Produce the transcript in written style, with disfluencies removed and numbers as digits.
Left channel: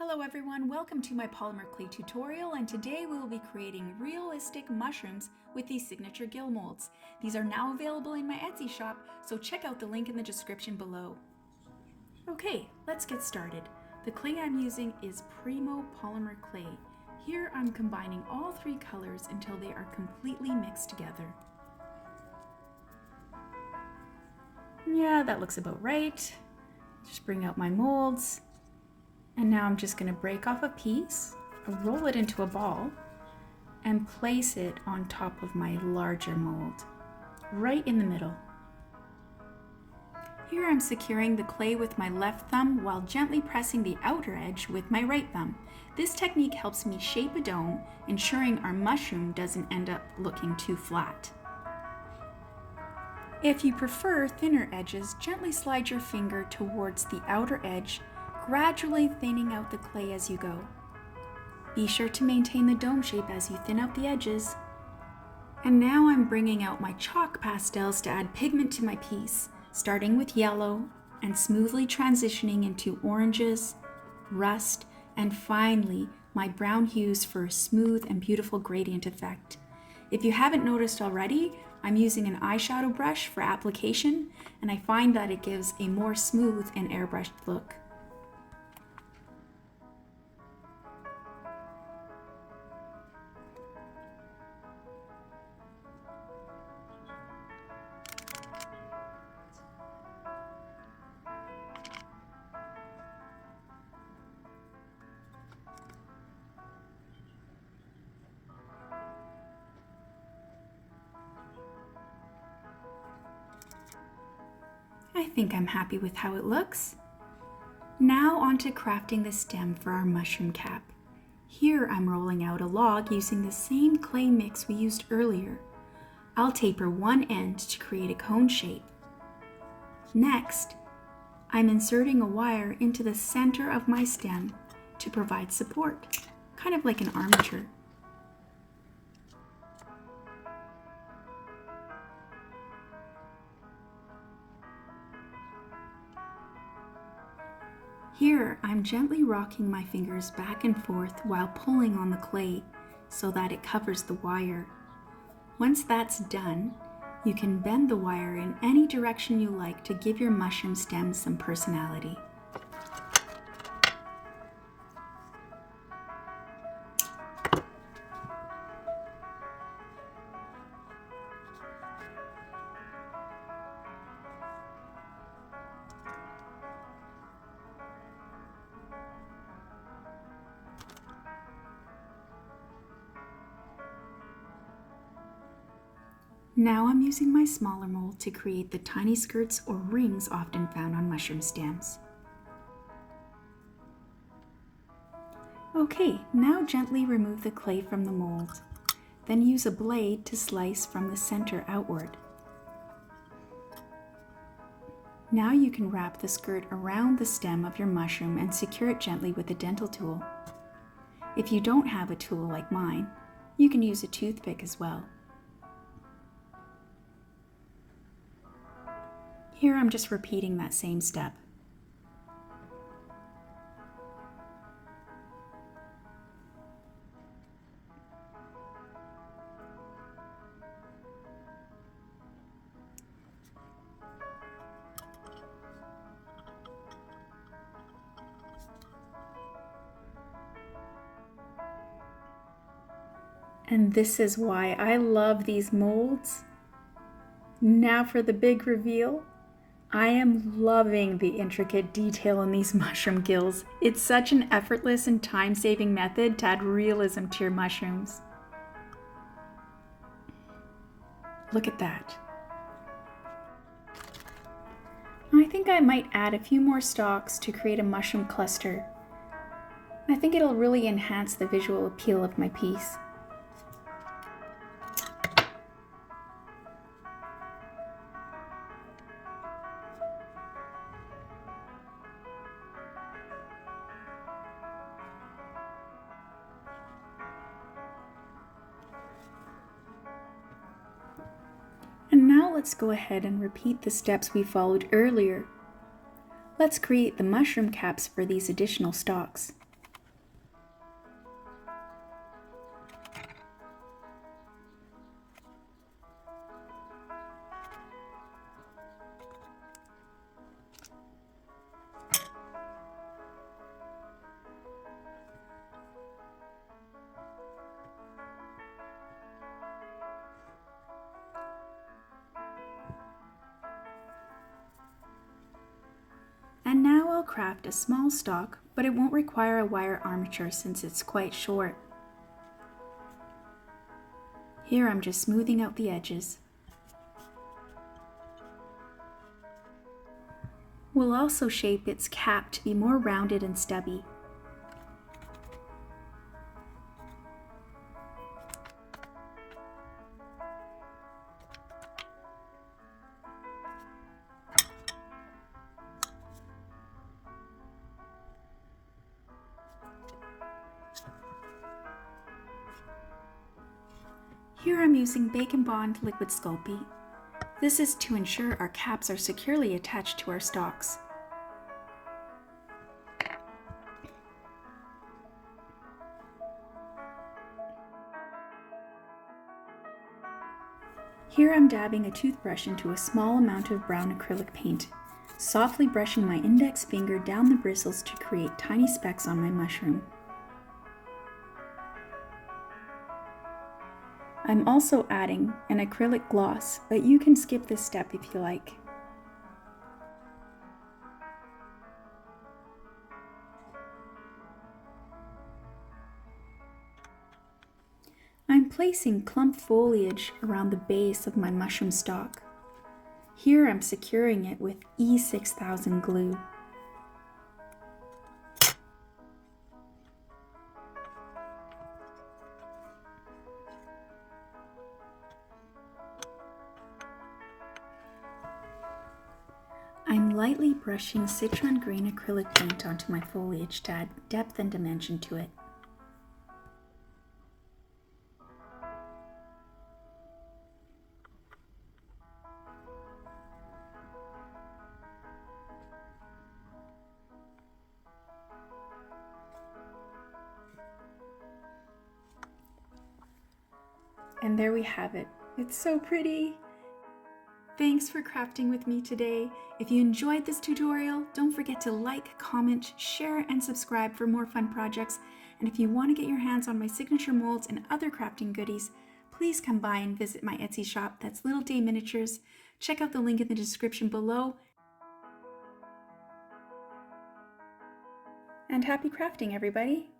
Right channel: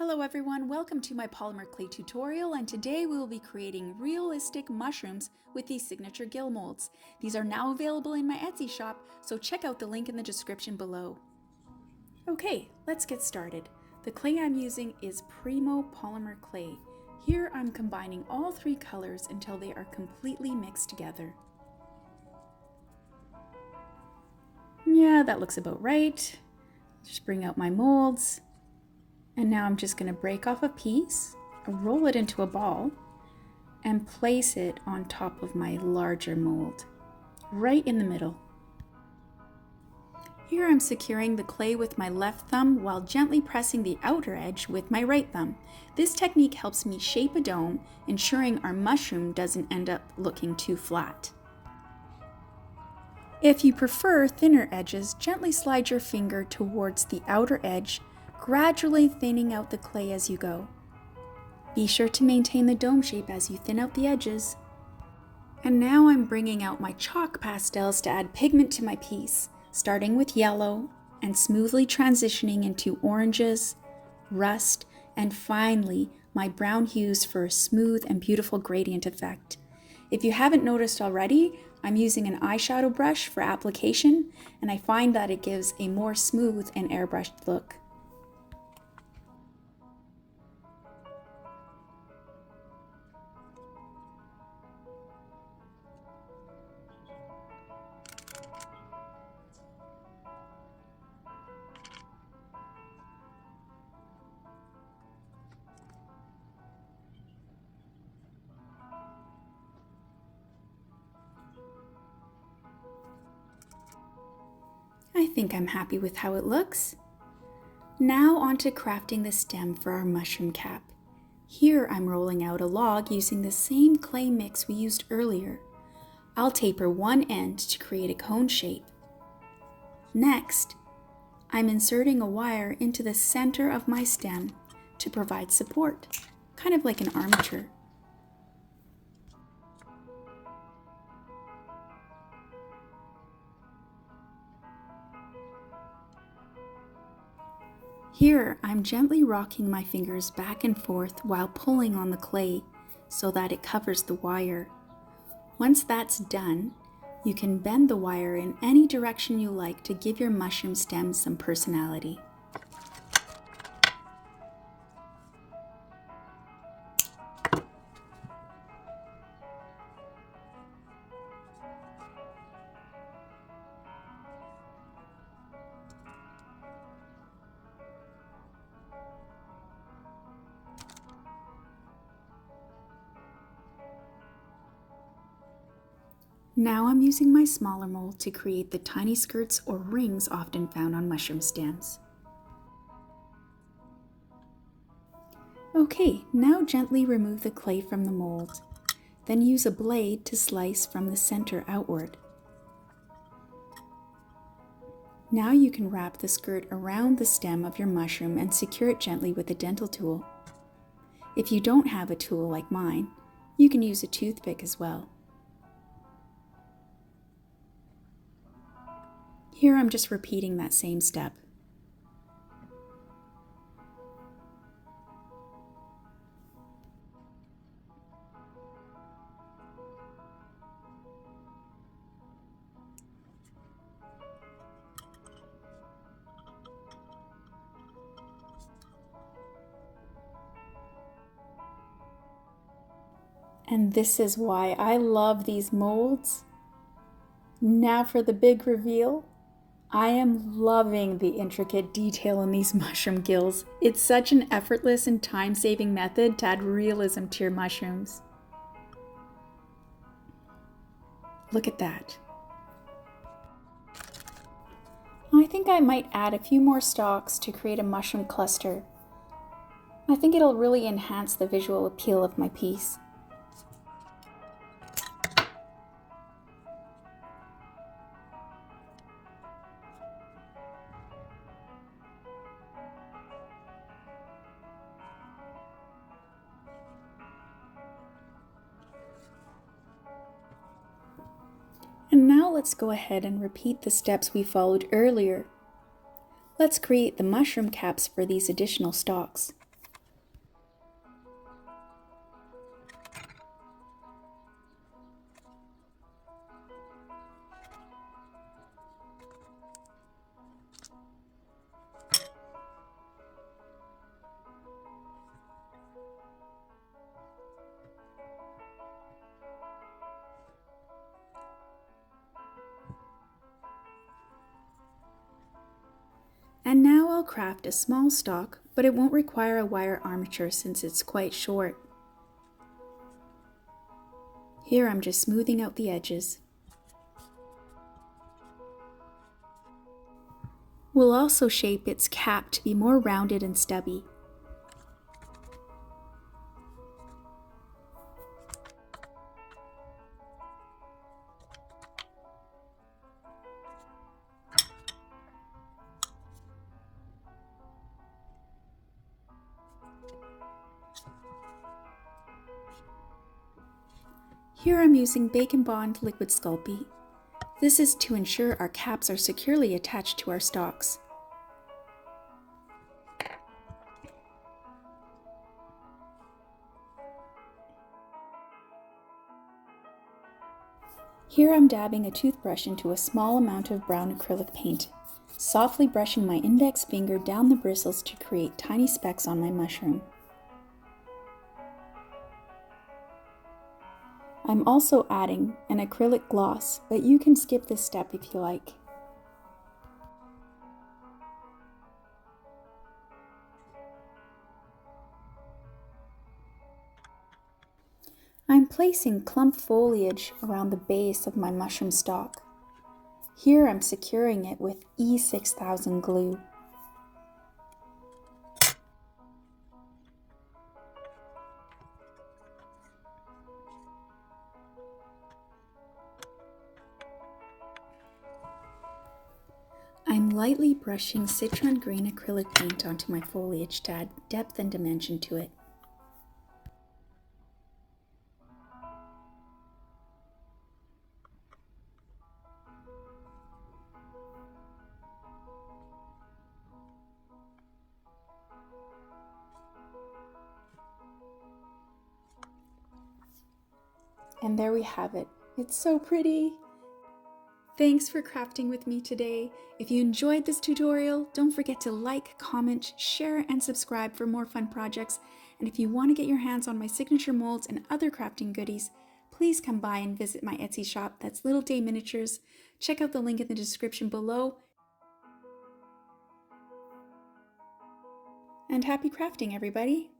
Hello everyone, welcome to my polymer clay tutorial, and today we will be creating realistic mushrooms with these signature Gill molds. These are now available in my Etsy shop, so check out the link in the description below. Okay, let's get started. The clay I'm using is Primo polymer clay. Here I'm combining all three colors until they are completely mixed together. Yeah, that looks about right. Just bring out my molds. And now I'm just going to break off a piece, roll it into a ball, and place it on top of my larger mold, right in the middle. Here I'm securing the clay with my left thumb while gently pressing the outer edge with my right thumb. This technique helps me shape a dome, ensuring our mushroom doesn't end up looking too flat. If you prefer thinner edges, gently slide your finger towards the outer edge, gradually thinning out the clay as you go. Be sure to maintain the dome shape as you thin out the edges. And now I'm bringing out my chalk pastels to add pigment to my piece, starting with yellow and smoothly transitioning into oranges, rust, and finally my brown hues for a smooth and beautiful gradient effect. If you haven't noticed already, I'm using an eyeshadow brush for application, and I find that it gives a more smooth and airbrushed look. I think I'm happy with how it looks. Now on to crafting the stem for our mushroom cap. Here I'm rolling out a log using the same clay mix we used earlier. I'll taper one end to create a cone shape. Next, I'm inserting a wire into the center of my stem to provide support, kind of like an armature. Here, I'm gently rocking my fingers back and forth while pulling on the clay so that it covers the wire. Once that's done, you can bend the wire in any direction you like to give your mushroom stem some personality. Now I'm using my smaller mold to create the tiny skirts or rings often found on mushroom stems. Okay, now gently remove the clay from the mold. Then use a blade to slice from the center outward. Now you can wrap the skirt around the stem of your mushroom and secure it gently with a dental tool. If you don't have a tool like mine, you can use a toothpick as well. Here I'm just repeating that same step. And this is why I love these molds. Now for the big reveal. I am loving the intricate detail in these mushroom gills. It's such an effortless and time-saving method to add realism to your mushrooms. Look at that. I think I might add a few more stalks to create a mushroom cluster. I think it'll really enhance the visual appeal of my piece. And now let's go ahead and repeat the steps we followed earlier. Let's create the mushroom caps for these additional stalks. well craft a small stalk, but it won't require a wire armature since it's quite short. Here I'm just smoothing out the edges. We'll also shape its cap to be more rounded and stubby. Here I'm using Bacon Bond liquid Sculpey. This is to ensure our caps are securely attached to our stalks. Here I'm dabbing a toothbrush into a small amount of brown acrylic paint, softly brushing my index finger down the bristles to create tiny specks on my mushroom. I'm also adding an acrylic gloss, but you can skip this step if you like. I'm placing clump foliage around the base of my mushroom stalk. Here I'm securing it with E6000 glue. I'm lightly brushing citron green acrylic paint onto my foliage to add depth and dimension to it. And there we have it. It's so pretty! Thanks for crafting with me today. If you enjoyed this tutorial, don't forget to like, comment, share, and subscribe for more fun projects. And if you want to get your hands on my signature molds and other crafting goodies, please come by and visit my Etsy shop. That's Little Day Miniatures. Check out the link in the description below. And happy crafting, everybody!